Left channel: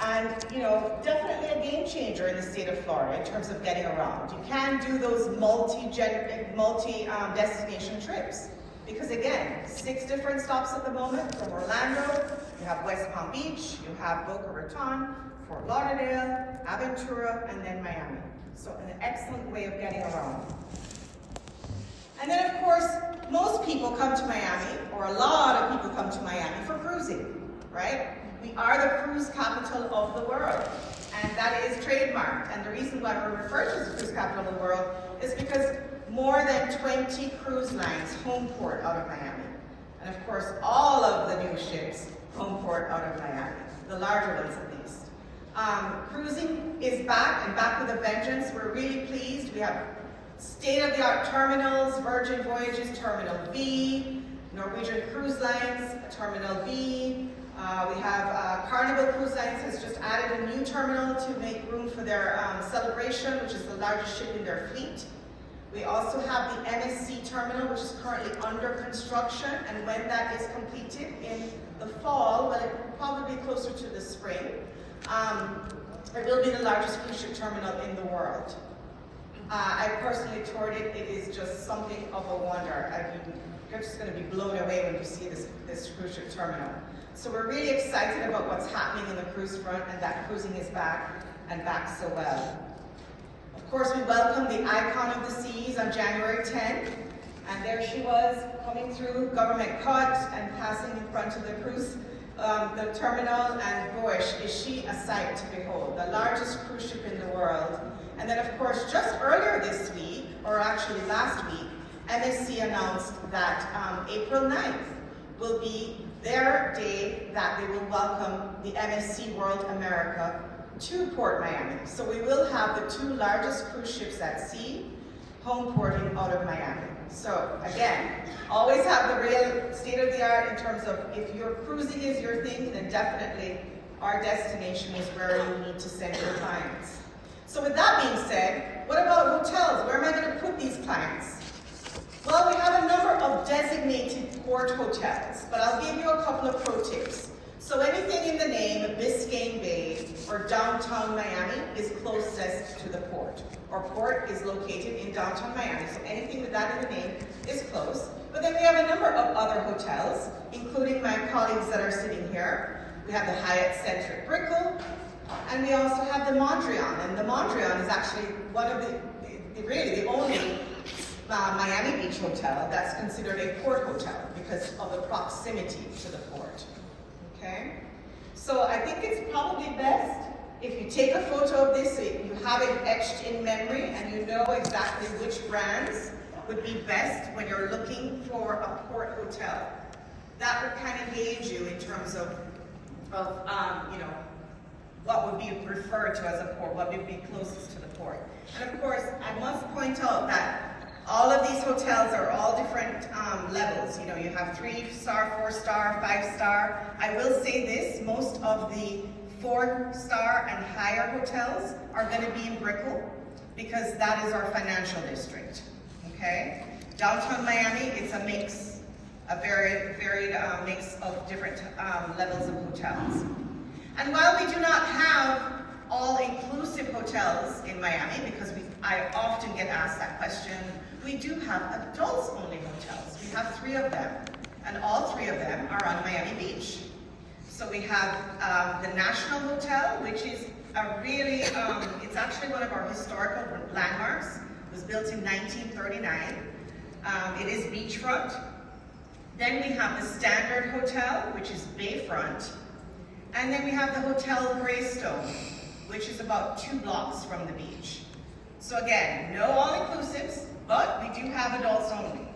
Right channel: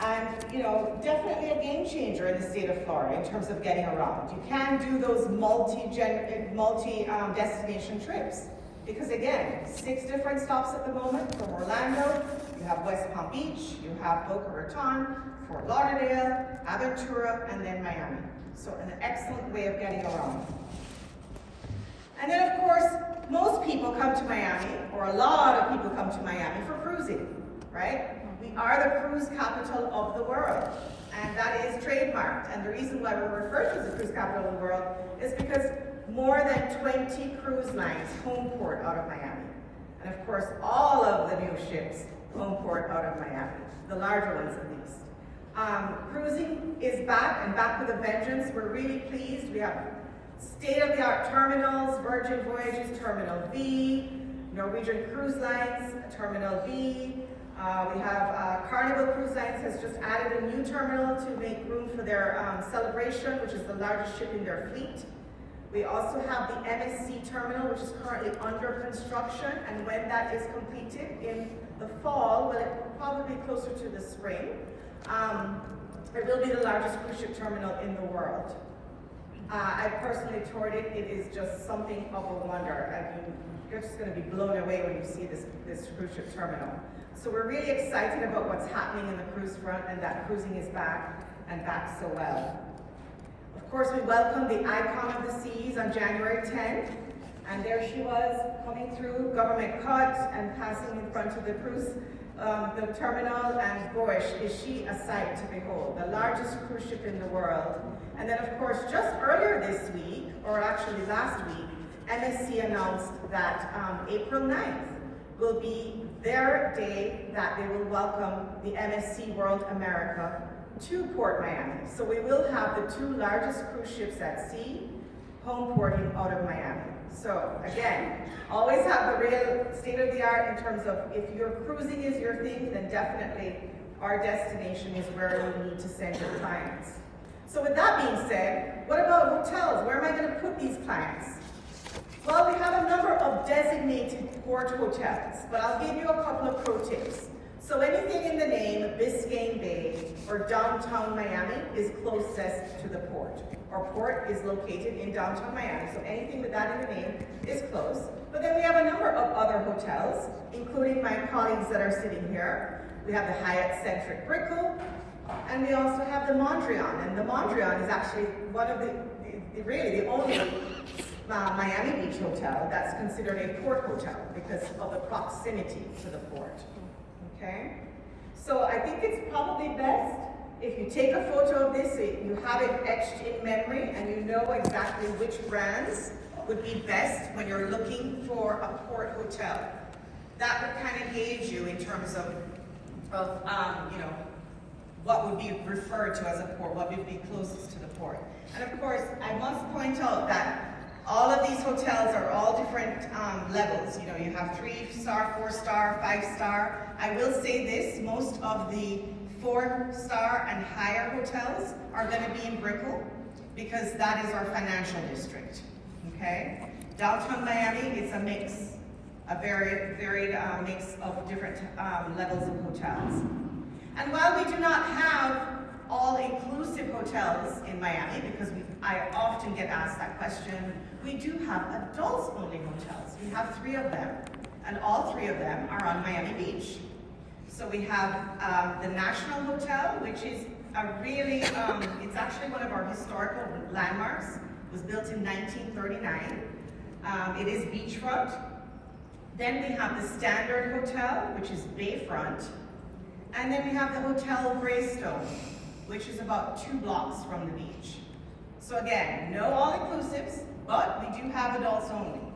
And, you know, definitely a game changer in the state of Florida in terms of getting around. You can do those multi-destination trips. Because again, 6 different stops at the moment from Orlando. You have West Palm Beach, you have Boca Raton, Fort Lauderdale, Aventura, and then Miami. So an excellent way of getting around. And then of course, most people come to Miami, or a lot of people come to Miami for cruising, right? We are the cruise capital of the world, and that is trademarked. And the reason why we're referred to as the cruise capital of the world is because more than 20 cruise lines home port out of Miami. And of course, all of the new ships home port out of Miami, the larger ones at least. Cruising is back, and back with a vengeance. We're really pleased. We have state-of-the-art terminals, Virgin Voyages Terminal B, Norwegian Cruise Lines Terminal B. We have Carnival Cruise Lines has just added a new terminal to make room for their Celebration, which is the largest ship in their fleet. We also have the MSC terminal, which is currently under construction, and when that is completed in the fall, well, it will probably be closer to the spring, it will be the largest cruise ship terminal in the world. I personally toured it. It is just something of a wonder. You're just going to be blown away when you see this cruise ship terminal. So we're really excited about what's happening in the cruise front, and that cruising is back, and back so well. Of course, we welcomed the Icon of the Seas on January 10th, and there she was coming through government cut and passing in front of the cruise, the terminal, and boy, is she a sight to behold. The largest cruise ship in the world. And then of course, just earlier this week, or actually last week, MSC announced that April 9th will be their day that they will welcome the MSC World America to Port Miami. So we will have the 2 largest cruise ships at sea home porting out of Miami. So again, always have the real state-of-the-art in terms of if your cruising is your thing, then definitely our destination is where you need to send your clients. So with that being said, what about hotels? Where am I going to put these clients? Well, we have a number of designated port hotels, but I'll give you a couple of pro tips. So anything in the name Biscayne Bay or downtown Miami is closest to the port. Our port is located in downtown Miami, so anything with that in the name is close. But then we have a number of other hotels, including my colleagues that are sitting here. We have the Hyatt Centric Brickell, and we also have the Mondrian. And the Mondrian is actually one of really the only Miami Beach hotel that's considered a port hotel because of the proximity to the port. Okay? So I think it's probably best if you take a photo of this, so you have it etched in memory and you know exactly which brands would be best when you're looking for a port hotel. That would kind of gauge you in terms of you know, what would be referred to as a port, what would be closest to the port. And of course, I must point out that all of these hotels are all different levels. You know, you have 3-star, 4-star, 5-star. I will say this, most of the 4-star and higher hotels are going to be in Brickell because that is our financial district, okay? Downtown Miami, it's a mix, a very varied mix of different levels of hotels. And while we do not have all-inclusive hotels in Miami, because I often get asked that question, we do have adults-only hotels. We have 3 of them, and all 3 of them are on Miami Beach. So we have the National Hotel, which is a really, it's actually one of our historical landmarks. It was built in 1939. It is beachfront. Then we have the Standard Hotel, which is bayfront. And then we have the Hotel Greystone, which is about 2 blocks from the beach. So again, no all-inclusives, but we do have adults only.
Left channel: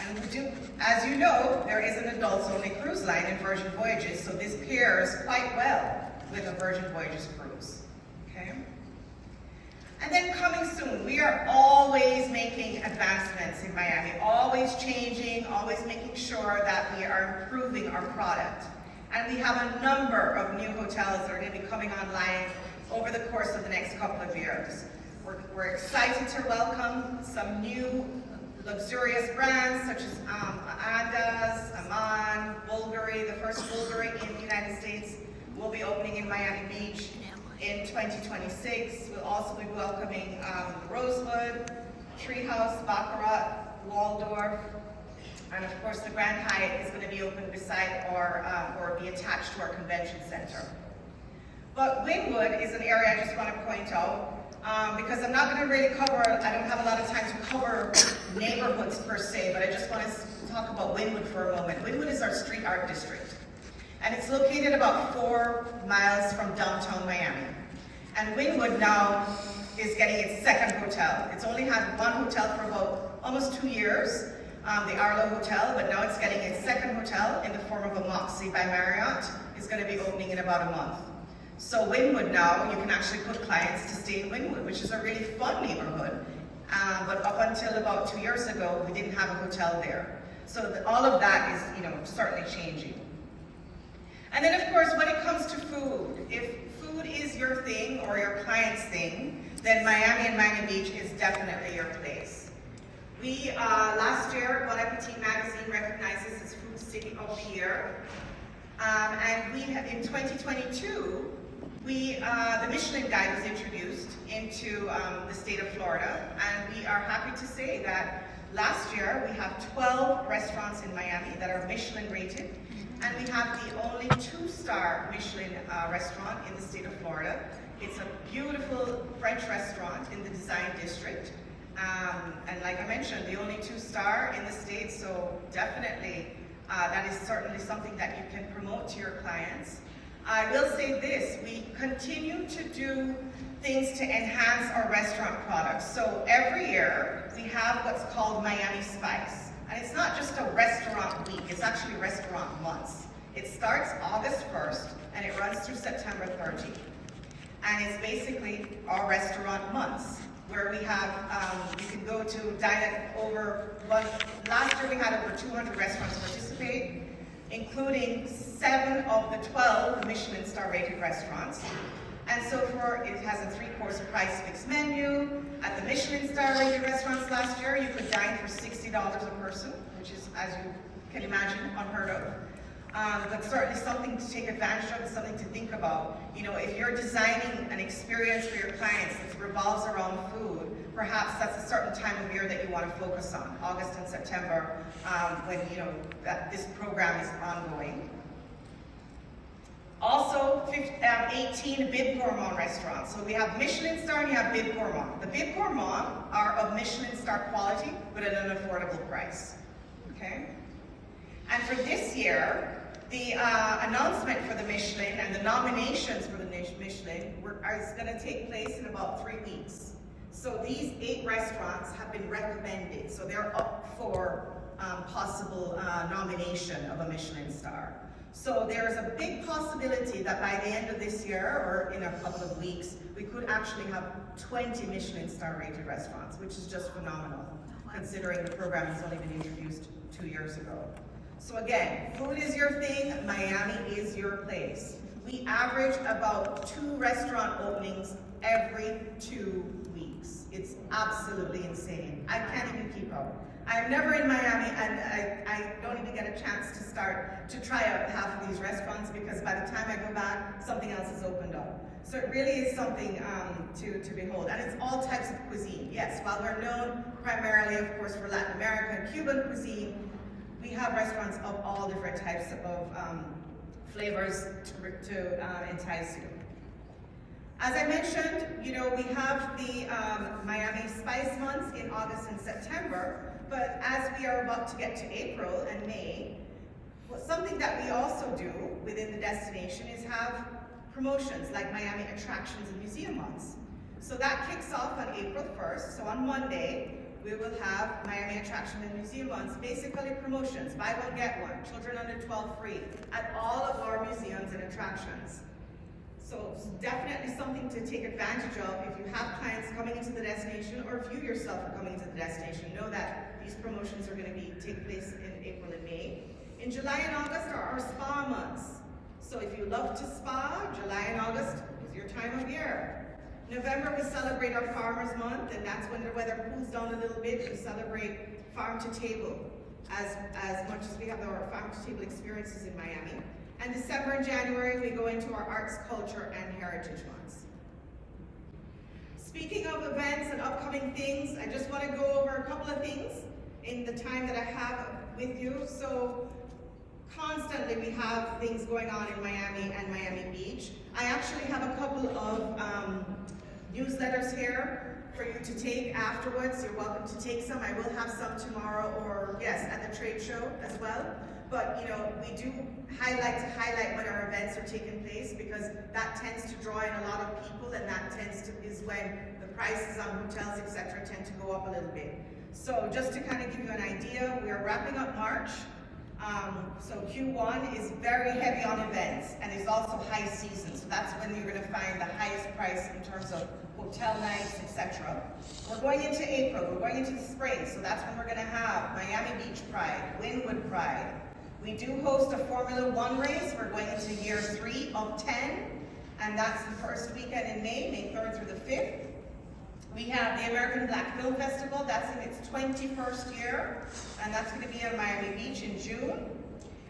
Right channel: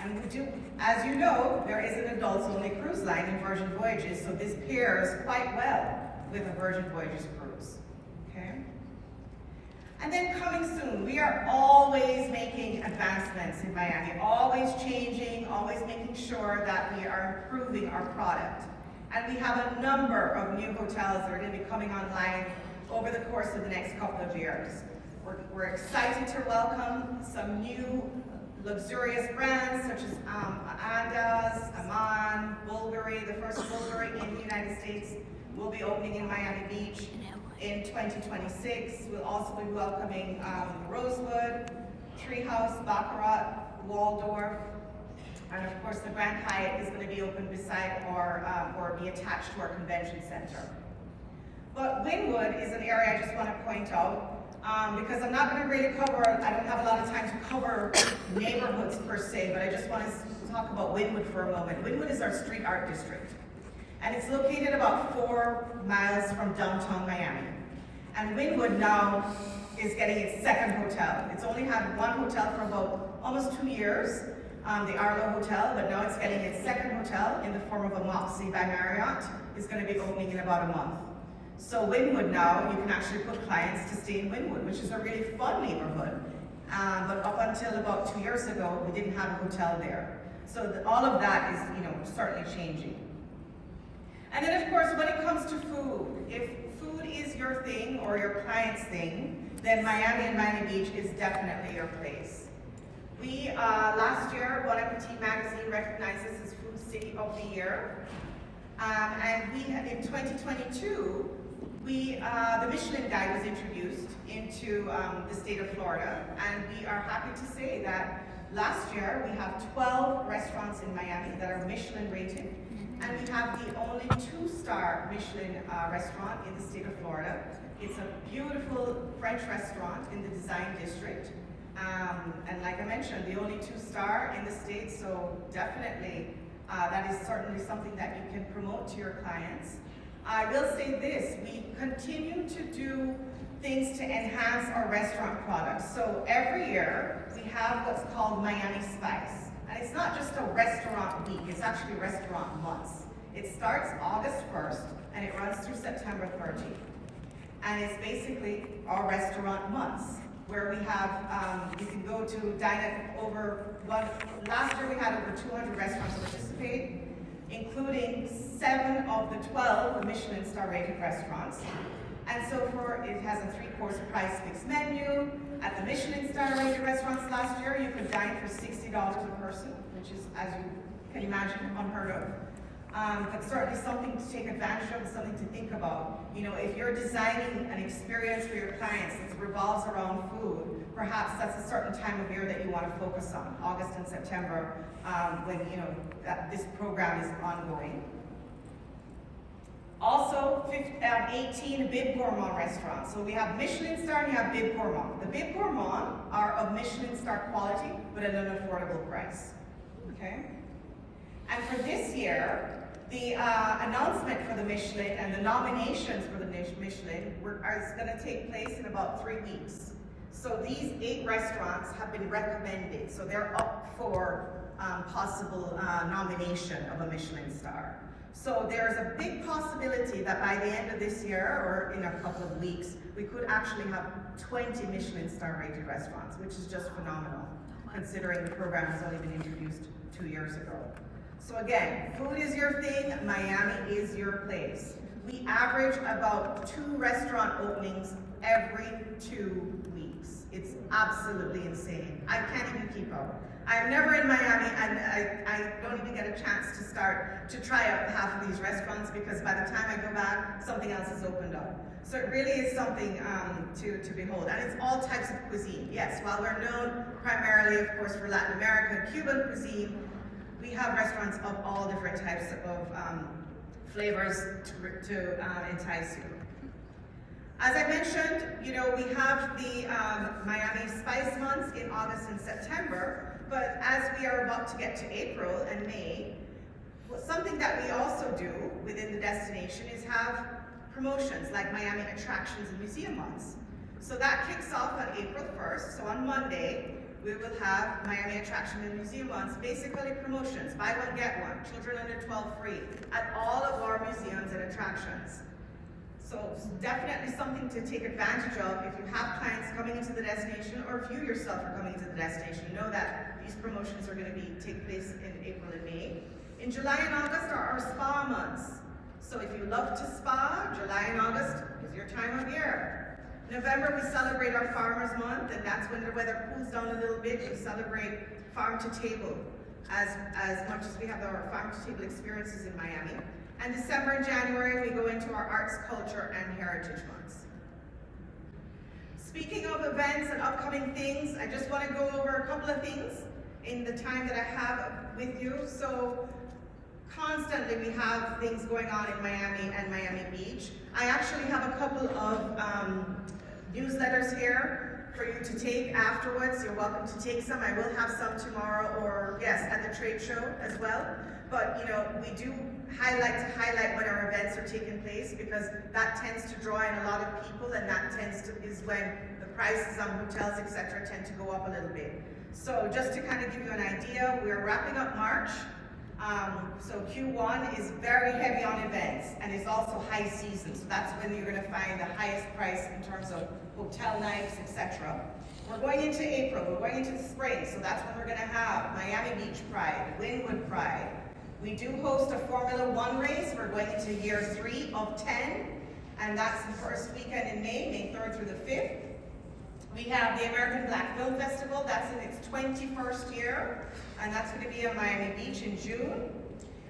And we do, as you know, there is an adults-only cruise line in Virgin Voyages, so this pairs quite well with a Virgin Voyages cruise, okay? And then coming soon, we are always making advancements in Miami, always changing, always making sure that we are improving our product. And we have a number of new hotels that are going to be coming online over the course of the next couple of years. We're excited to welcome some new luxurious brands such as Andaz, Aman, Bulgari, the first Bulgari in the United States, will be opening in Miami Beach in 2026. We'll also be welcoming Rosewood, Treehouse, Baccarat, Waldorf, and of course the Grand Hyatt is going to be open beside or be attached to our convention center. But Wynwood is an area I just want to point out because I'm not going to really cover, I don't have a lot of time to cover neighborhoods per se, but I just want to talk about Wynwood for a moment. Wynwood is our street art district, and it's located about 4 miles from downtown Miami. And Wynwood now is getting its second hotel. It's only had one hotel for about almost 2 years, the Arlo Hotel, but now it's getting its second hotel in the form of a Moxie by Marriott. It's going to be opening in about a month. So Wynwood now, you can actually put clients to stay in Wynwood, which is a really fun neighborhood. But up until about 2 years ago, we didn't have a hotel there. So all of that is, certainly changing. And then of course, when it comes to food, if food is your thing or your client's thing, then Miami and Miami Beach is definitely your place. We, last year, Bon Appetit magazine recognized us as Food City of the Year. And we, in 2022, the Michelin Guide was introduced into the state of Florida, and we are happy to say that last year we have 12 restaurants in Miami that are Michelin rated, and we have the only 2-star Michelin restaurant in the state of Florida. It's a beautiful French restaurant in the Design District, and like I mentioned, the only 2-star in the state, so definitely that is certainly something that you can promote to your clients. I will say this, we continue to do things to enhance our restaurant products. So every year we have what's called Miami Spice. And it's not just a restaurant week, it's actually restaurant months. It starts August 1st and it runs through September 30th. And it's basically our restaurant months, where we have, you can go to dine at last year we had over 200 restaurants participate, including 7 of the 12 Michelin star rated restaurants. And so it has a 3-course price fixed menu. At the Michelin star rated restaurants last year, you could dine for $60 a person, which is, as you can imagine, unheard of. But certainly something to take advantage of and something to think about. If you're designing an experience for your clients that revolves around food, perhaps that's a certain time of year that you want to focus on, August and September, when that this program is ongoing. Also, 18 Bib Gourmand restaurants. So we have Michelin star and you have Bib Gourmand. The Bib Gourmand are of Michelin star quality, but at an affordable price. Okay? And for this year, the announcement for the Michelin and the nominations for the Michelin is going to take place in about 3 weeks. So these 8 restaurants have been recommended, so they're up for possible nomination of a Michelin star. So there's a big possibility that by the end of this year, or in a couple of weeks, we could actually have 20 Michelin star rated restaurants, which is just phenomenal, considering the program has only been introduced 2 years ago. So again, food is your thing, Miami is your place. We average about 2 restaurant openings every 2 weeks. It's absolutely insane. I can't even keep up. I'm never in Miami, and I don't even get a chance to start to try out half of these restaurants, because by the time I go back, something else has opened up. So it really is something to behold. And it's all types of cuisine. Yes, while we're known primarily, of course, for Latin America and Cuban cuisine, we have restaurants of all different types of flavors to entice you. As I mentioned, we have the Miami Spice Months in August and September, but as we are about to get to April and May, something that we also do within the destination is have promotions like Miami Attractions and Museum Months. So that kicks off on April 1st, so on Monday, we will have Miami Attraction and Museum Months, basically promotions, buy one, get one, children under 12 free, at all of our museums and attractions. So it's definitely something to take advantage of if you have clients coming into the destination, or if you yourself are coming into the destination. Know that these promotions are going to take place in April and May. In July and August are our spa months. So if you love to spa, July and August is your time of year. November, we celebrate our Farmers Month, and that's when the weather cools down a little bit. We celebrate farm to table as much as we have our farm to table experiences in Miami. And December and January, we go into our arts, culture, and heritage months. Speaking of events and upcoming things, I just want to go over a couple of things in the time that I have with you. So constantly we have things going on in Miami and Miami Beach. I actually have a couple of newsletters here for you to take afterwards. You're welcome to take some. I will have some tomorrow, or yes, at the trade show as well. But you know, we do highlight when our events are taking place, because that tends to draw in a lot of people, and that is when the prices on hotels, etc., tend to go up a little bit. So just to kind of give you an idea, we're wrapping up March. So Q1 is very heavy on events, and it's also high season. So that's when you're going to find the highest price in terms of hotel nights, etc. We're going into April, we're going into the spring, so that's when we're going to have Miami Beach Pride, Wynwood Pride. We do host a Formula One race. We're going into year 3 of 10, and that's the first weekend in May 3rd through the 5th. We have the American Black Film Festival. That's in its 21st year, and that's going to be on Miami Beach in June.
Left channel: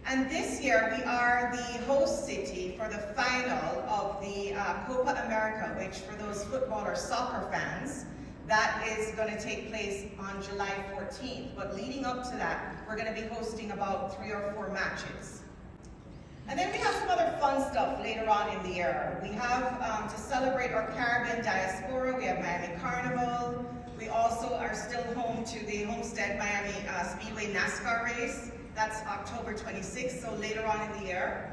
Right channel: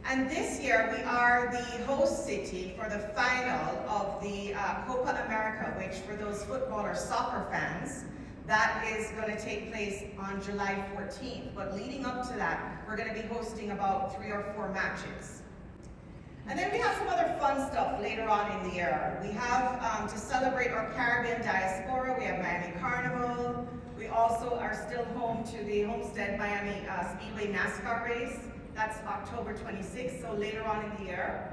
And this year, we are the host city for the final of the Copa America, which for those football or soccer fans, that is going to take place on July 14th. But leading up to that, we're going to be hosting about 3 or 4 matches. And then we have some other fun stuff later on in the year. We have, to celebrate our Caribbean diaspora, we have Miami Carnival. We also are still home to the Homestead Miami Speedway NASCAR race. That's October 26th, so later on in the year.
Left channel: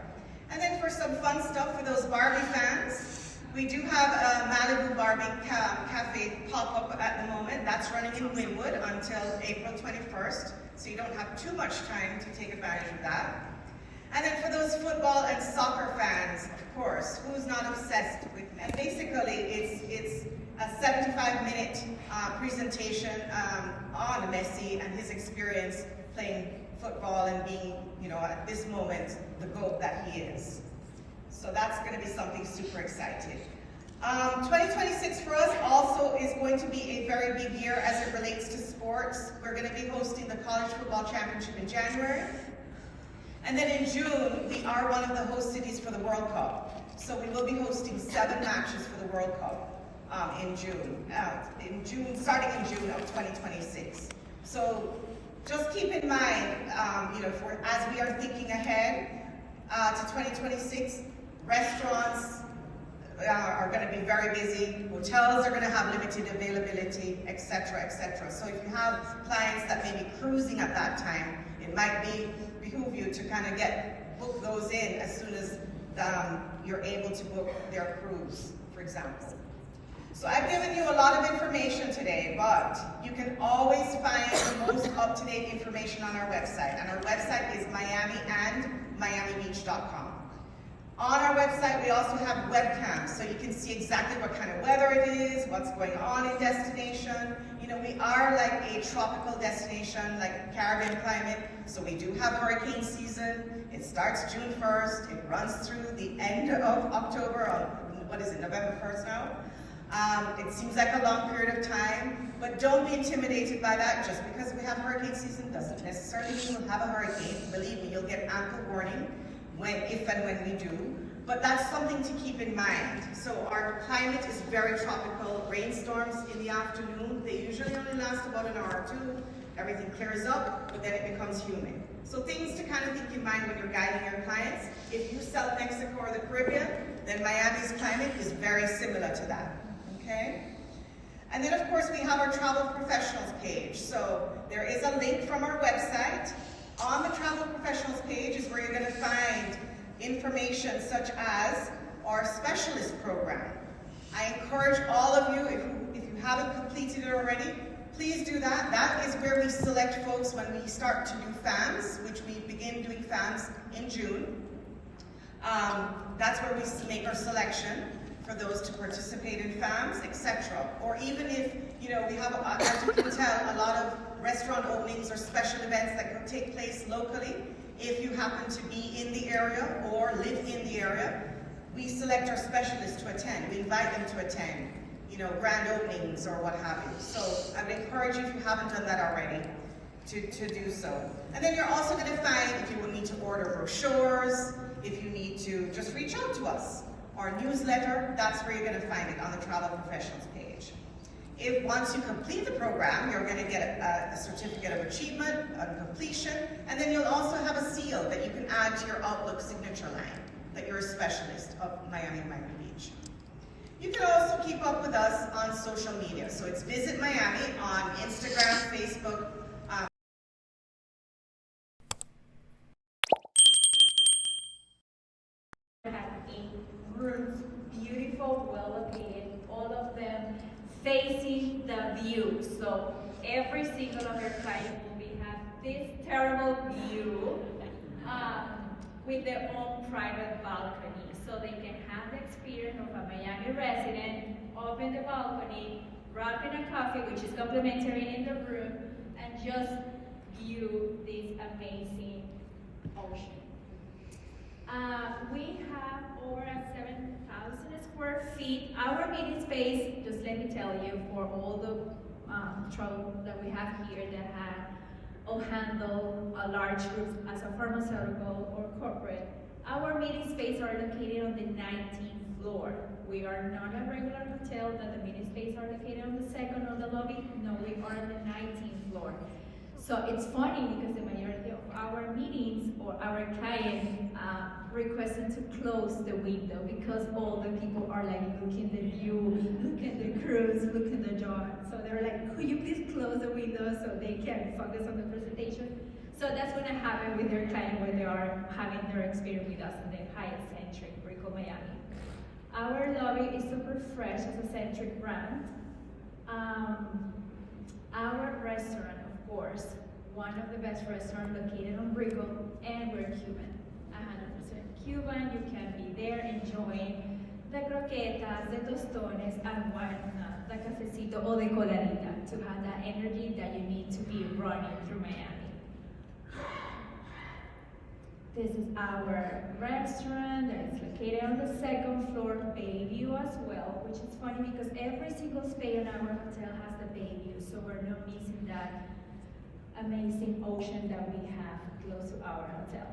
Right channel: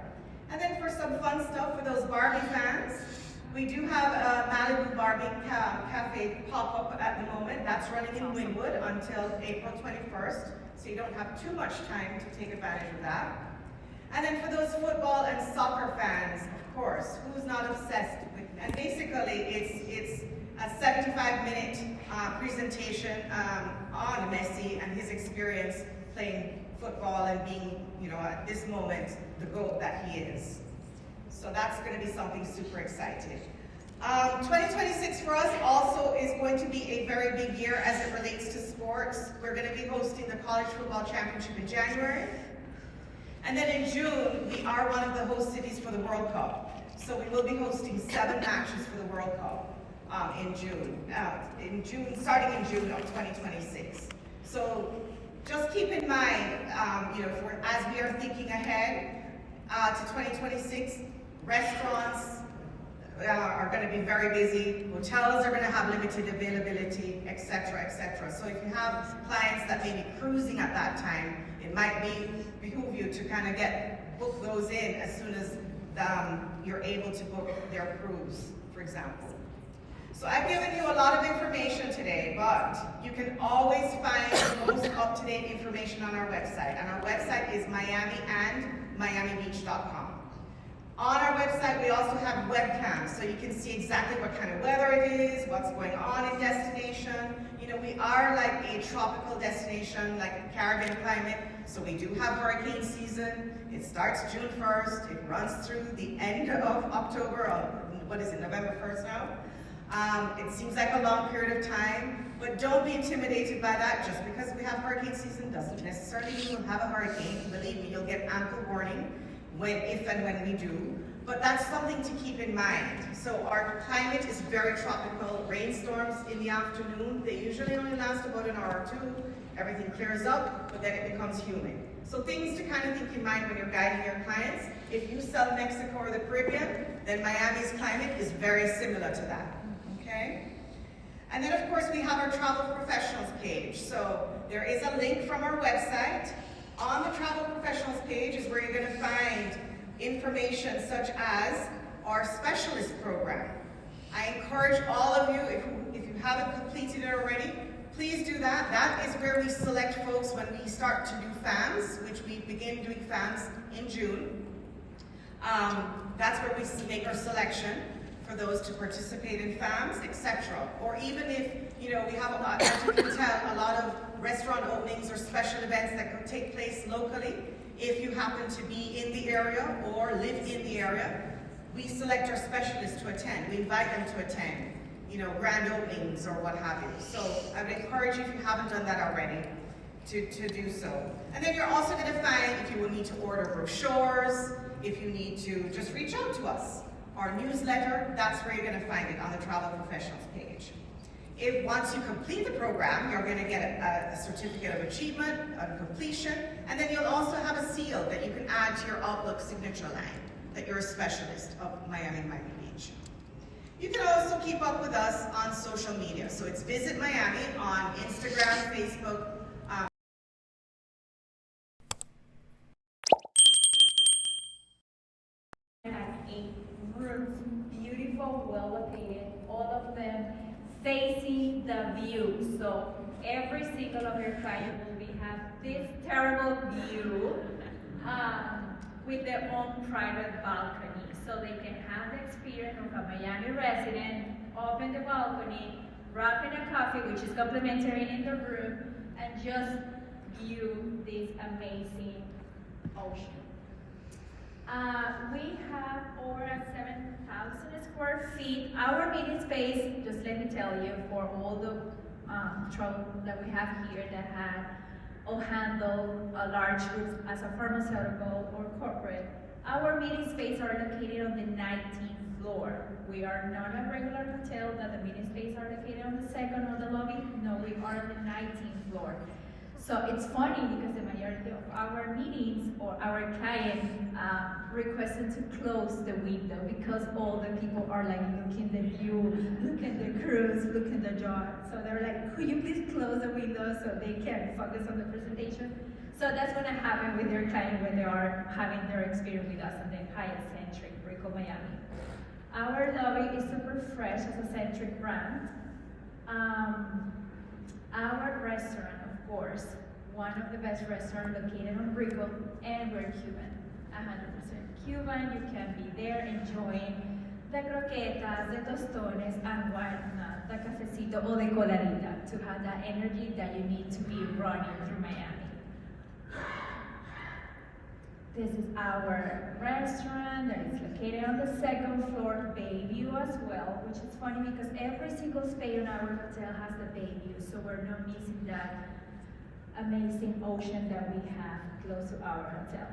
And then for some fun stuff for those Barbie fans, we do have a Malibu Barbie Cafe pop-up at the moment. That's running in Wynwood until April 21st, so you don't have too much time to take advantage of that. And then for those football and soccer fans, of course, who's not obsessed with, and basically it's a 75-minute presentation on Messi and his experience playing football and being, you know, at this moment, the GOAT that he is. So that's going to be something super exciting. 2026 for us also is going to be a very big year as it relates to sports. We're going to be hosting the College Football Championship in January. And then in June, we are one of the host cities for the World Cup. So we will be hosting 7 matches for the World Cup in June, starting in June of 2026. So just keep in mind, you know, as we are thinking ahead to 2026, restaurants are going to be very busy. Hotels are going to have limited availability, etc., etc. So if you have clients that may be cruising at that time, it might behoove you to kind of book those in as soon as you're able to book their cruise, for example. So I've given you a lot of information today, but you can always find the most up-to-date information on our website. And our website is miamiandmiamibeach.com. On our website, we also have webcams, so you can see exactly what kind of weather it is, what's going on in destination. You know, we are like a tropical destination, like a Caribbean climate, so we do have hurricane season. It starts June 1st, it runs through the end of October, what is it, November 1st now? It seems like a long period of time, but don't be intimidated by that. Just because we have hurricane season doesn't necessarily mean we'll have a hurricane. Believe me, you'll get ample warning if and when we do, but that's something to keep in mind. So our climate is very tropical. Rainstorms in the afternoon, they usually only last about an hour or 2. Everything clears up, but then it becomes humid. So things to kind of think in mind when you're guiding your clients. If you sell Mexico or the Caribbean, then Miami's climate is very similar to that, okay? And then of course we have our travel professionals page. So there is a link from our website. On the travel professionals page is where you're going to find information such as our specialist program. I encourage all of you, if you haven't completed it already, please do that. That is where we select folks when we start to do FAMs, which we begin doing FAMs in June. That's where we make our selection for those to participate in FAMs, etc. Or even if, you know, we have, as you can tell, a lot of restaurant openings or special events that can take place locally. If you happen to be in the area or live in the area, we select our specialists to attend. We invite them to attend, you know, grand openings or what have you. So I would encourage you, if you haven't done that already, to do so. And then you're also going to find, if you will need to order brochures, if you need to just reach out to us. Our newsletter, that's where you're going to find it, on the Travel Professionals page. If once you complete the program, you're going to get a certificate of achievement, a completion, and then you'll also have a seal that you can add to your Outlook signature line, that you're a specialist of Miami Beach. You can also keep up with us on social media. So it's Visit Miami on Instagram, Facebook. Rooms, beautiful, well located, all of them facing the view. So every single of your clients will have this terrible view with their own private balcony. So they can have the experience of a Miami resident, open the balcony, wrap in a coffee, which is complimentary in the room, and just view this amazing ocean. We have over 7,000 square feet. Our meeting space, just let me tell you, for all the trouble that we have here that all handle large groups as a pharmaceutical or corporate, our meeting space are located on the 19th floor. We are not a regular hotel that the meeting space are located on the second or the lobby. No, we are on the 19th floor. So it's funny because the majority of our meetings or our clients requested to close the window because all the people are like looking the view, look at the cruise, look at the yacht. So they're like, could you please close the window so they can focus on the presentation? So that's going to happen with your client when they are having their experience with us in the Hyatt Centric Brickell Miami. Our lobby is super fresh as a Centric brand. Our restaurant, of course, one of the best restaurants located on Brickell, and we're Cuban, 100% Cuban. You can be there enjoying the croquetas, the tostones, and why not, the cafecito or the coladita to have that energy that you need to be running through Miami. This is our restaurant that is located on the second floor, bay view as well, which is funny because every single space in our hotel has the bay view, so we're not missing that amazing ocean that we have close to our hotel.